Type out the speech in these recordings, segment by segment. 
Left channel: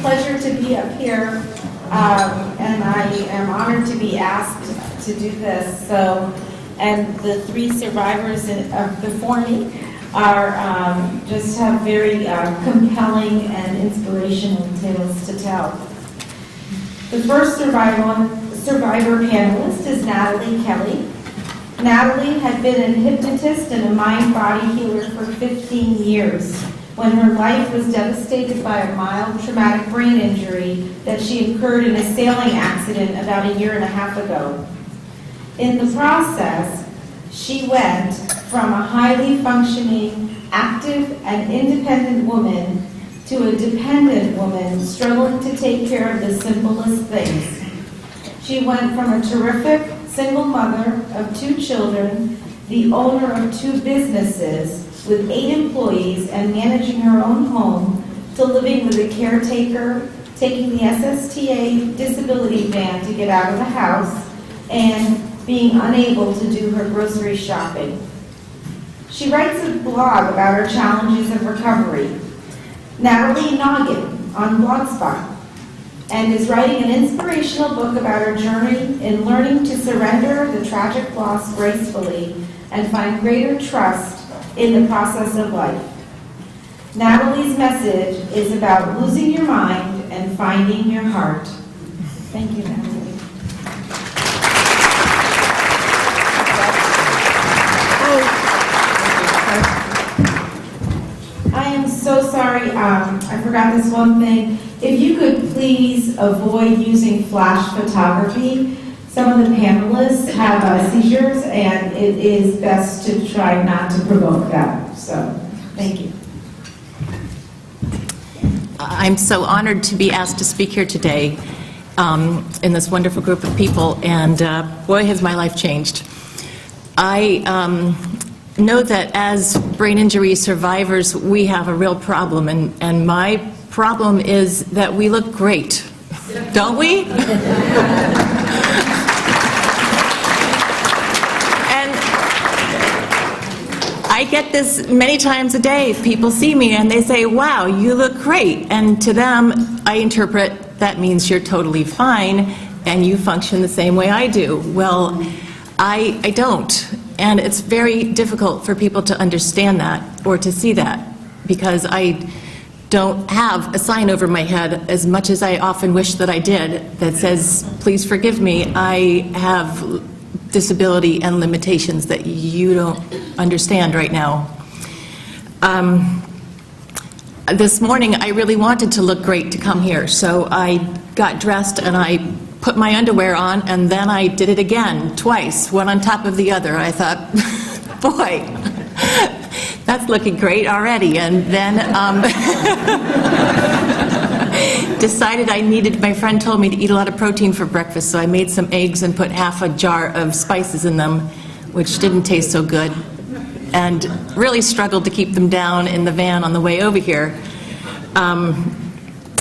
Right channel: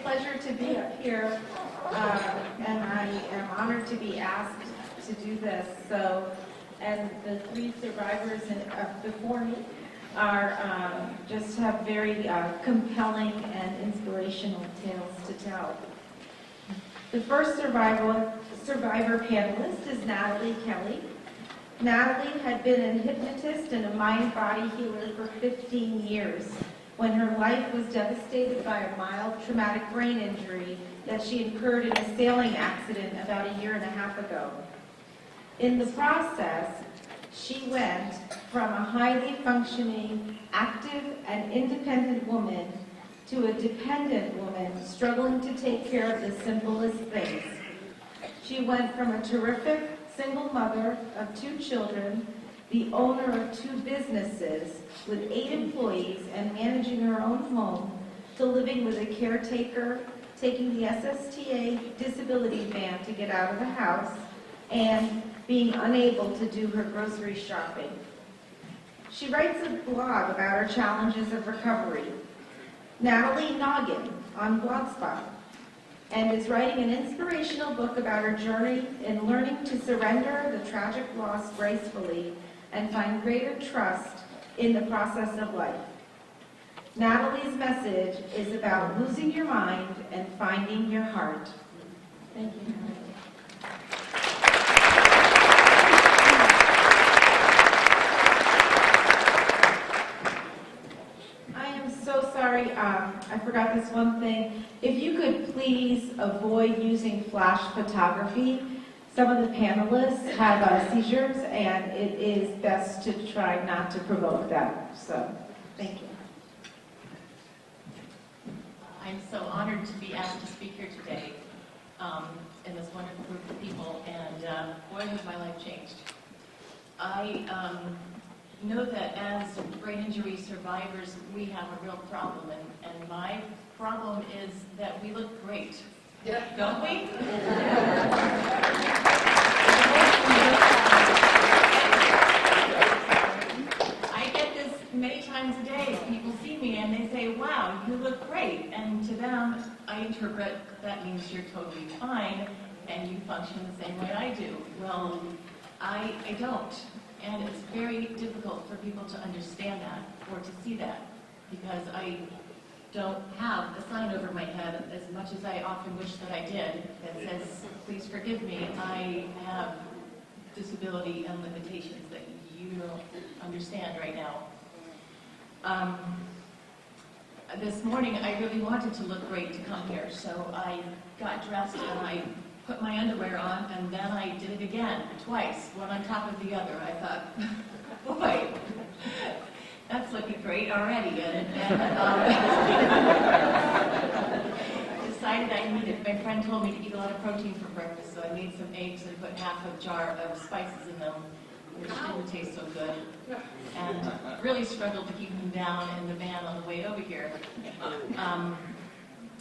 pleasure to be up here, and I am honored to be asked to do this. So, and the three survivors before me are just have very compelling and inspirational tales to tell. The first survivor panelist is Nathalie Kelly. Nathalie had been a hypnotist and a mind-body healer for 15 years when her life was devastated by a mild traumatic brain injury that she incurred in a sailing accident about a year and a half ago. In the process, she went from a highly functioning, active, and independent woman to a dependent woman struggling to take care of the simplest things. She went from a terrific single mother of 2 children, the owner of 2 businesses with 8 employees and managing her own home, to living with a caretaker, taking the SSTA disability van to get out of the house, and being unable to do her grocery shopping. She writes a blog about her challenges of recovery, Nathalie Noggin, on Blogspot, and is writing an inspirational book about her journey in learning to surrender the tragic loss gracefully and find greater trust in the process of life. Nathalie's message is about losing your mind and finding your heart. Thank you, Nathalie. I am so sorry, I forgot this one thing. If you could please avoid using flash photography. Some of the panelists have seizures, and it is best to try not to provoke that. So, thank you. I'm so honored to be asked to speak here today in this wonderful group of people, and boy, has my life changed. I know that as brain injury survivors, we have a real problem, and my problem is that we look great, don't we? I get this many times a day. People see me and they say, wow, you look great. And to them, I interpret that means you're totally fine and you function the same way I do. Well, I don't. And it's very difficult for people to understand that or to see that, because I don't have a sign over my head, as much as I often wish that I did, that says, please forgive me, I have disability and limitations that you don't understand right now. This morning, I really wanted to look great to come here, so I got dressed and I put my underwear on, and then I did it again, twice, one on top of the other. I thought, boy, that's looking great already. And then decided my friend told me to eat a lot of protein for breakfast, so I made some eggs and put half a jar of spices in them, which didn't taste so good, and really struggled to keep them down in the van on the way over here.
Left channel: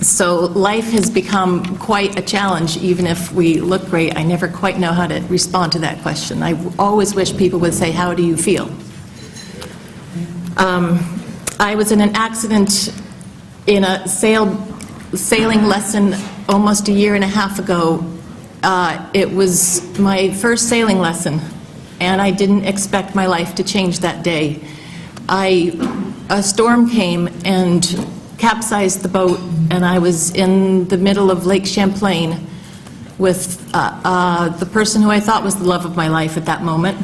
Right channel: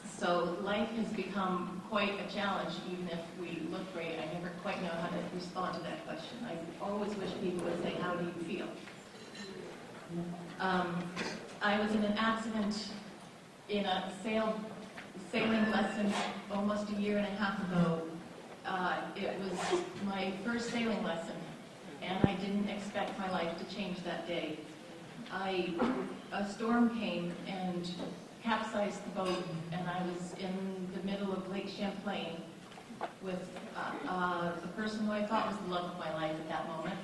So life has become quite a challenge, even if we look great. I never quite know how to respond to that question. I always wish people would say, how do you feel? I was in an accident in a sailing lesson almost a year and a half ago. It was my first sailing lesson, and I didn't expect my life to change that day. A storm came and capsized the boat, and I was in the middle of Lake Champlain with the person who I thought was the love of my life at that moment.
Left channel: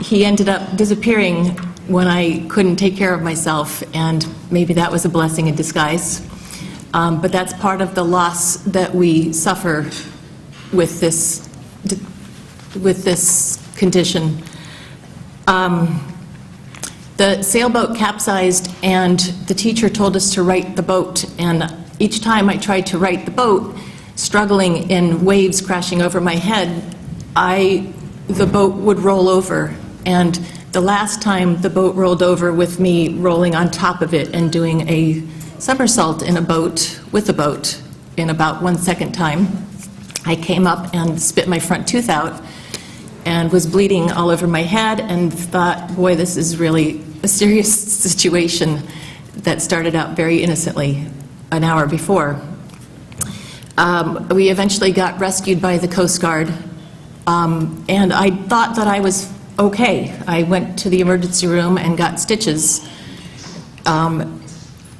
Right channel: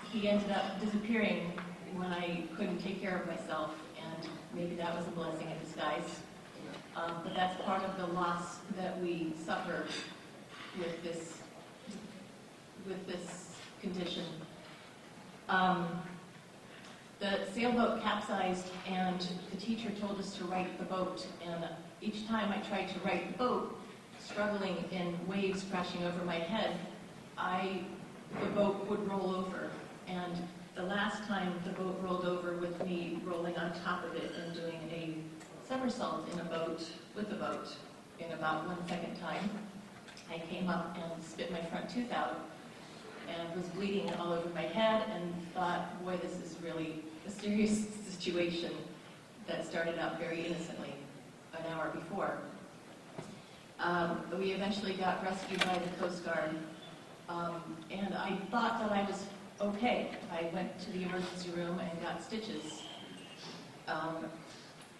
He ended up disappearing when I couldn't take care of myself, and maybe that was a blessing in disguise. But that's part of the loss that we suffer with this condition. The sailboat capsized, and the teacher told us to right the boat, and each time I tried to right the boat, struggling in waves crashing over my head, the boat would roll over. And the last time the boat rolled over with me rolling on top of it and doing a somersault in a boat, with a boat, in about 1 second time, I came up and spit my front tooth out and was bleeding all over my head, and thought, boy, this is really a serious situation that started out very innocently. an hour before. We eventually got rescued by the Coast Guard, and I thought that I was okay. I went to the emergency room and got stitches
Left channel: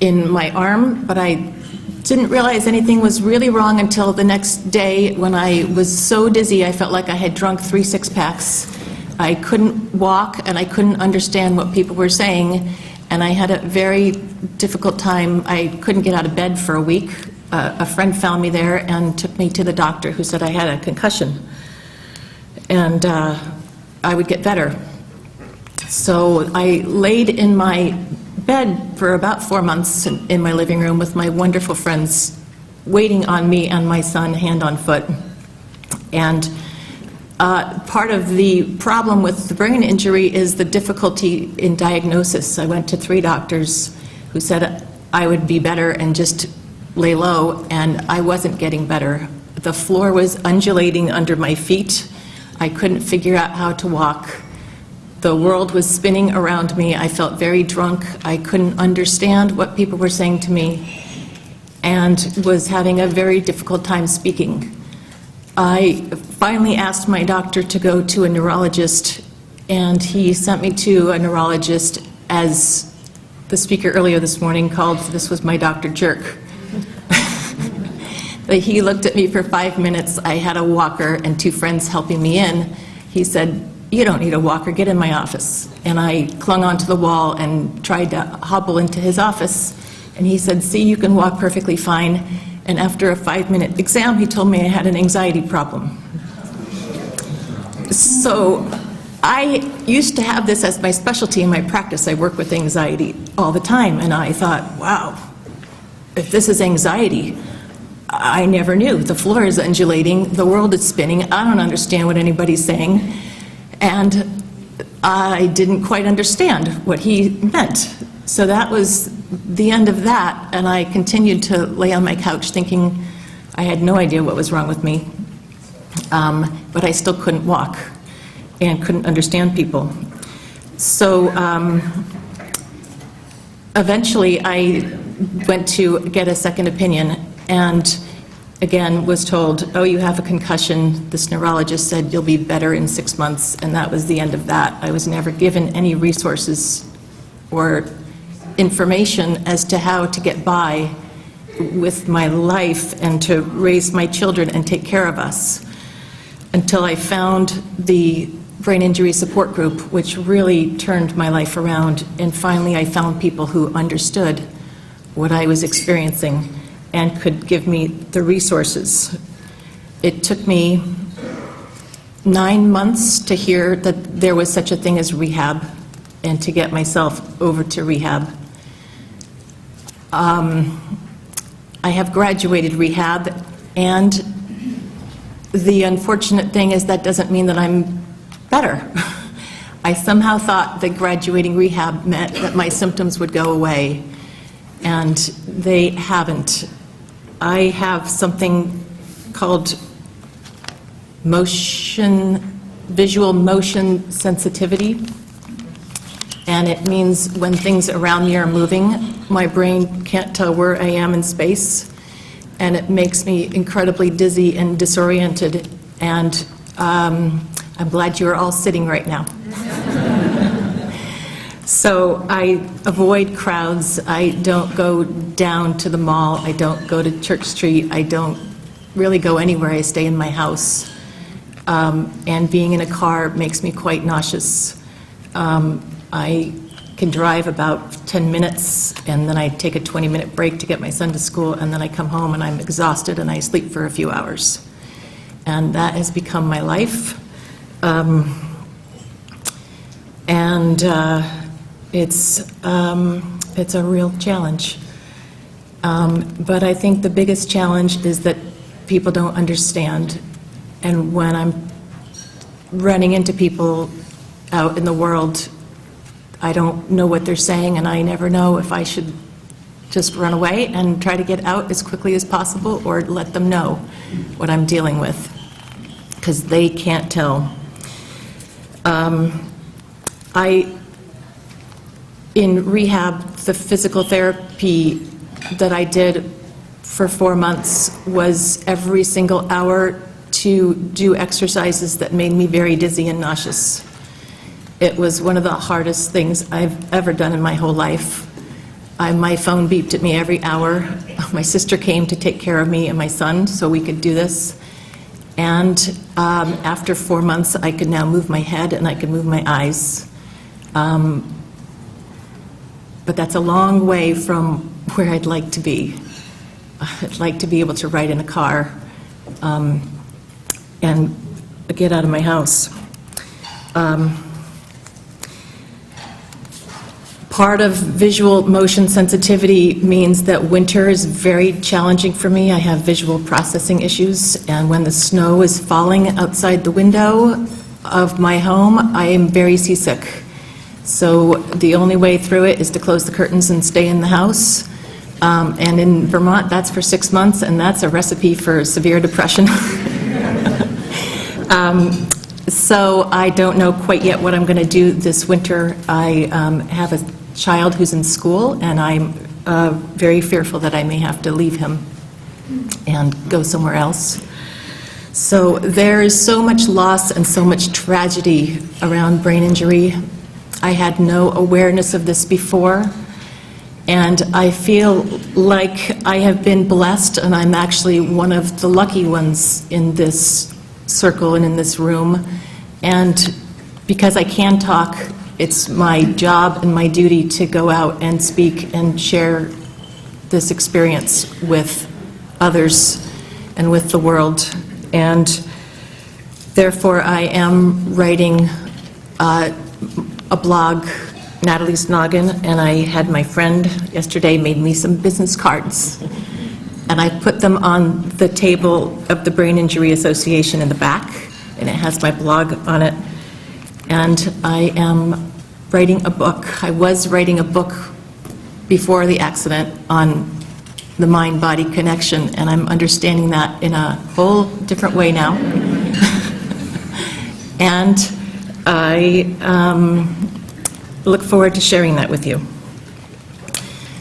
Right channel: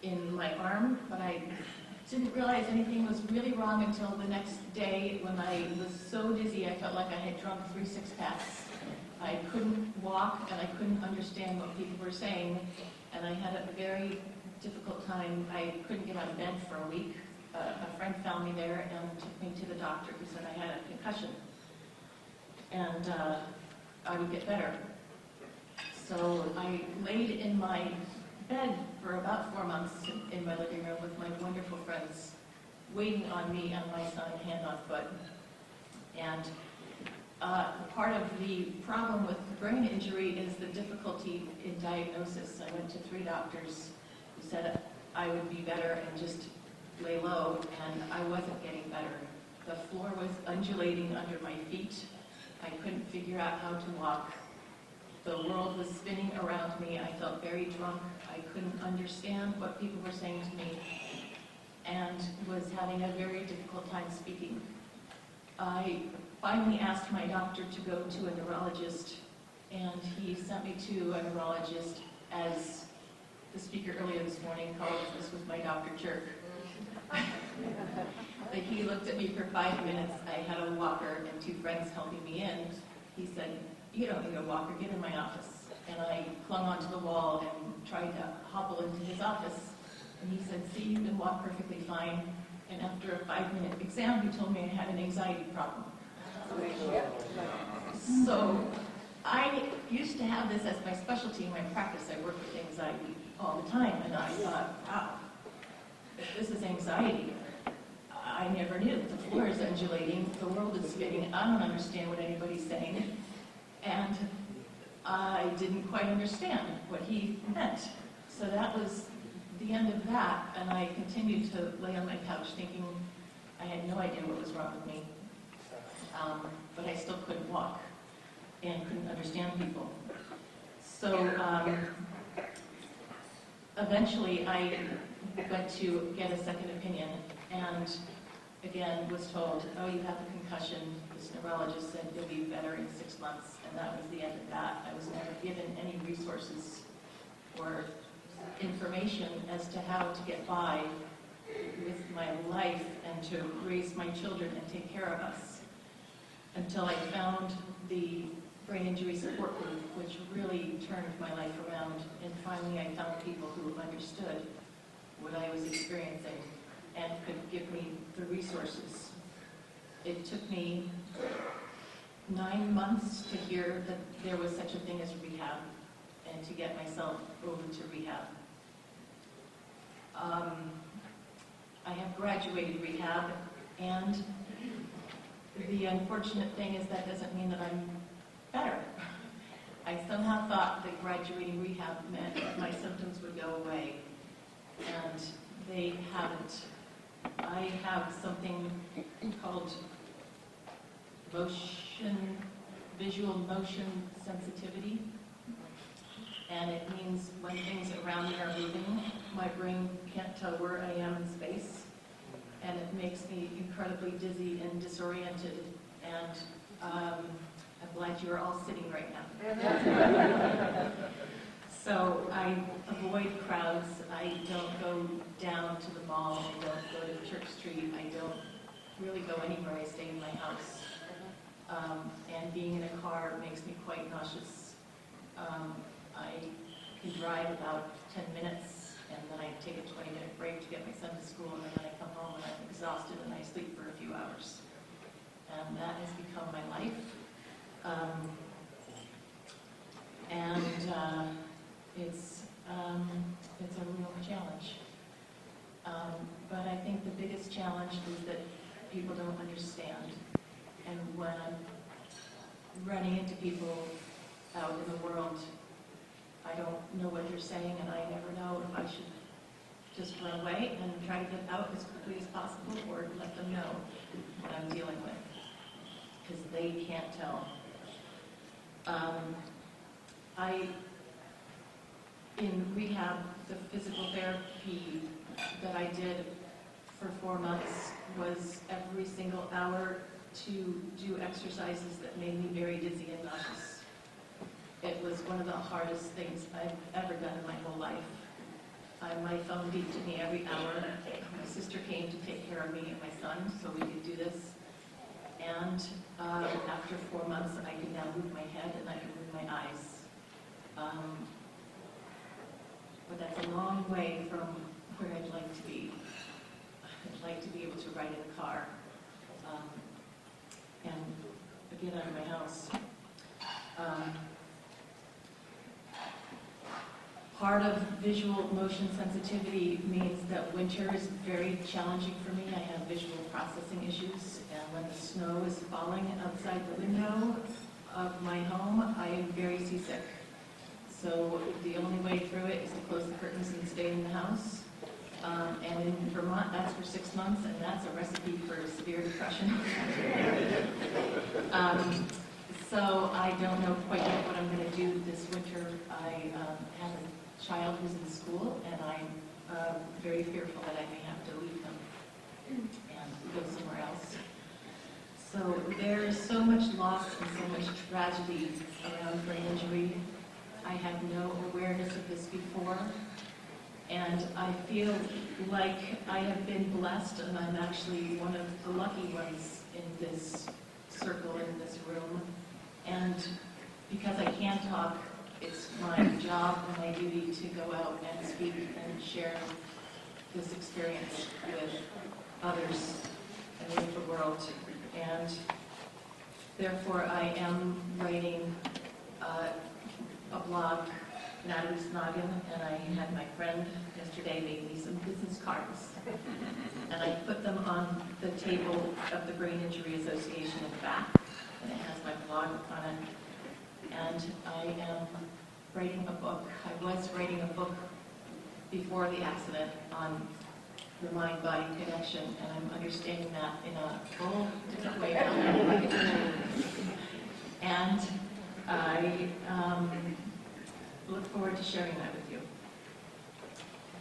in my arm, but I didn't realize anything was really wrong until the next day when I was so dizzy I felt like I had drunk 3 six-packs. I couldn't walk and I couldn't understand what people were saying, and I had a very difficult time. I couldn't get out of bed for a week. A friend found me there and took me to the doctor, who said I had a concussion and I would get better. So I laid in my bed for about 4 months in my living room with my wonderful friends waiting on me and my son hand on foot. And part of the problem with the brain injury is the difficulty in diagnosis. I went to 3 doctors who said I would be better and just lay low, and I wasn't getting better. The floor was undulating under my feet. I couldn't figure out how to walk. The world was spinning around me. I felt very drunk. I couldn't understand what people were saying to me and was having a very difficult time speaking. I finally asked my doctor to go to a neurologist, and he sent me to a neurologist, as the speaker earlier this morning called, this was my Dr. Jerk. He looked at me for 5 minutes. I had a walker and 2 friends helping me in. He said, "You don't need a walker, get in my office." And I clung onto the wall and tried to hobble into his office. And he said, "See, you can walk perfectly fine." And after a 5-minute exam, he told me I had an anxiety problem. So I used to have this as my specialty in my practice. I work with anxiety all the time. And I thought, wow, if this is anxiety, I never knew. The floor is undulating, the world is spinning, I don't understand what anybody's saying, and I didn't quite understand what he meant. So that was the end of that, and I continued to lay on my couch thinking I had no idea what was wrong with me, but I still couldn't walk and couldn't understand people. So eventually I went to get a second opinion, and again was told, "Oh, you have a concussion." This neurologist said, "You'll be better in 6 months," and that was the end of that. I was never given any resources or information as to how to get by with my life and to raise my children and take care of us, until I found the brain injury support group, which really turned my life around. And finally I found people who understood what I was experiencing and could give me the resources. It took me 9 months to hear that there was such a thing as rehab and to get myself over to rehab. I have graduated rehab, and the unfortunate thing is that doesn't mean that I'm better. I somehow thought that graduating rehab meant that my symptoms would go away, and they haven't. I have something called visual motion sensitivity, and it means when things around me are moving, my brain can't tell where I am in space, and it makes me incredibly dizzy and disoriented, and I'm glad you're all sitting right now. So I avoid crowds. I don't go down to the mall. I don't go to Church Street. I don't really go anywhere. I stay in my house. And being in a car makes me quite nauseous. I can drive about 10 minutes, and then I take a 20-minute break to get my son to school, and then I come home and I'm exhausted and I sleep for a few hours. And that has become my life. It's a real challenge. But I think the biggest challenge is that people don't understand. And when I'm running into people out in the world, I don't know what they're saying, and I never know if I should just run away and try to get out as quickly as possible or let them know what I'm dealing with, because they can't tell. In rehab, the physical therapy that I did for 4 months was every single hour to do exercises that made me very dizzy and nauseous. It was one of the hardest things I've ever done in my whole life. My phone beeped at me every hour. My sister came to take care of me and my son so we could do this. And after 4 months, I could now move my head and I could move my eyes. But that's a long way from where I'd like to be. I'd like to be able to ride in a car and get out of my house. Part of visual motion sensitivity means that winter is very challenging for me. I have visual processing issues, and when the snow is falling outside the window of my home, I am very seasick. So the only way through it is to close the curtains and stay in the house. And in Vermont, that's for 6 months, and that's a recipe for severe depression. So I don't know quite yet what I'm going to do this winter. I have a child who's in school, and I'm very fearful that I may have to leave him and go somewhere else. So there is so much loss and so much tragedy around brain injury. I had no awareness of this before, and I feel like I have been blessed, and I'm actually one of the lucky ones in this circle and in this room. And because I can talk, it's my job and my duty to go out and speak and share this experience with others and with the world. And therefore, I am writing a blog, Nathalie's Noggin, and I had my friend yesterday made me some business cards. And I put them on the table of the Brain Injury Association in the back, and it has my blog on it. And I am writing a book. I was writing a book before the accident on the mind-body connection, and I'm understanding that in a whole different way now. And I look forward to sharing that with you.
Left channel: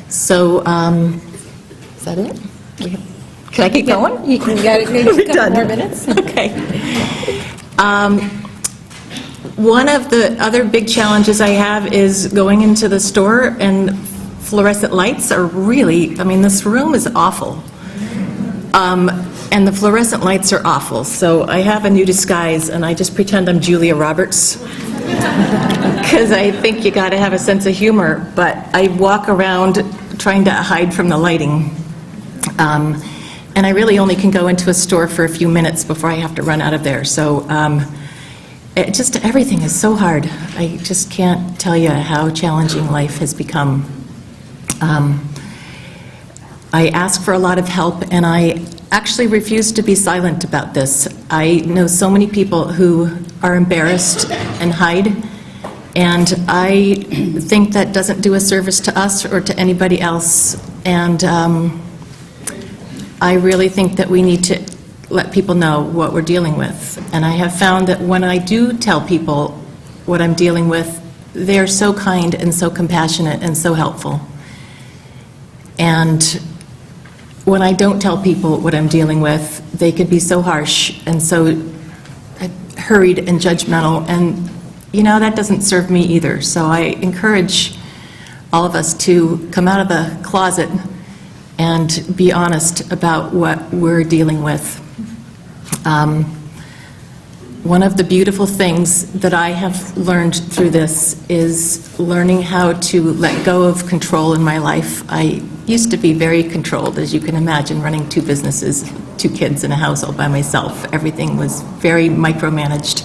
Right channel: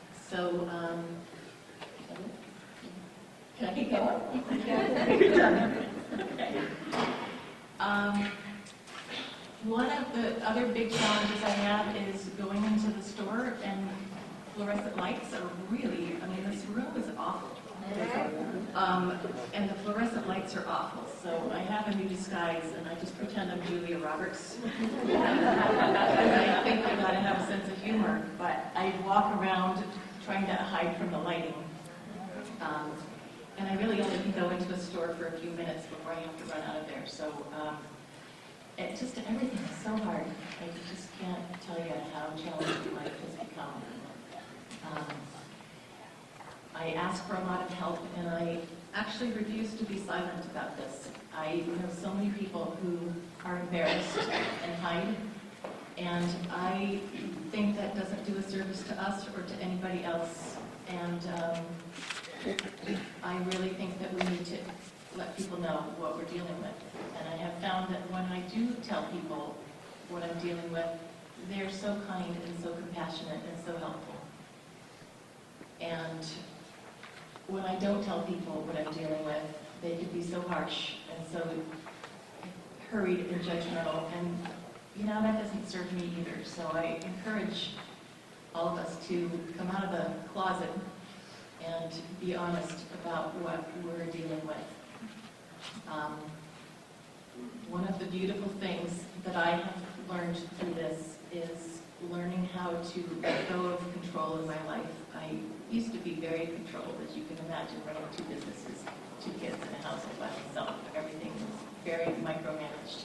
So, is that it? Can I keep going? You can get it, maybe a couple more minutes. Okay. One of the other big challenges I have is going into the store, and fluorescent lights are really, I mean, this room is awful. And the fluorescent lights are awful. So I have a new disguise, and I just pretend I'm Julia Roberts, because I think you got to have a sense of humor. But I walk around trying to hide from the lighting. And I really only can go into a store for a few minutes before I have to run out of there. So everything is so hard. I just can't tell you how challenging life has become. I ask for a lot of help, and I actually refuse to be silent about this. I know so many people who are embarrassed and hide, and I think that doesn't do a service to us or to anybody else. And I really think that we need to let people know what we're dealing with. And I have found that when I do tell people what I'm dealing with, they're so kind and so compassionate and so helpful. And when I don't tell people what I'm dealing with, they can be so harsh and so hurried and judgmental, and you know, that doesn't serve me either. So I encourage all of us to come out of the closet and be honest about what we're dealing with. One of the beautiful things that I have learned through this is learning how to let go of control in my life. I used to be very controlled, as you can imagine, running 2 businesses, 2 kids, in a house all by myself. Everything was very micromanaged.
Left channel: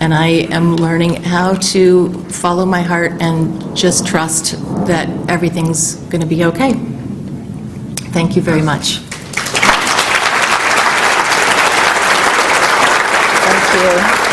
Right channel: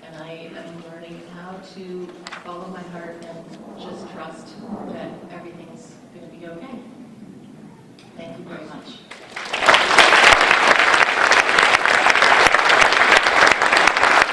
And I am learning how to follow my heart and just trust that everything's going to be okay. Thank you very much. Thank you.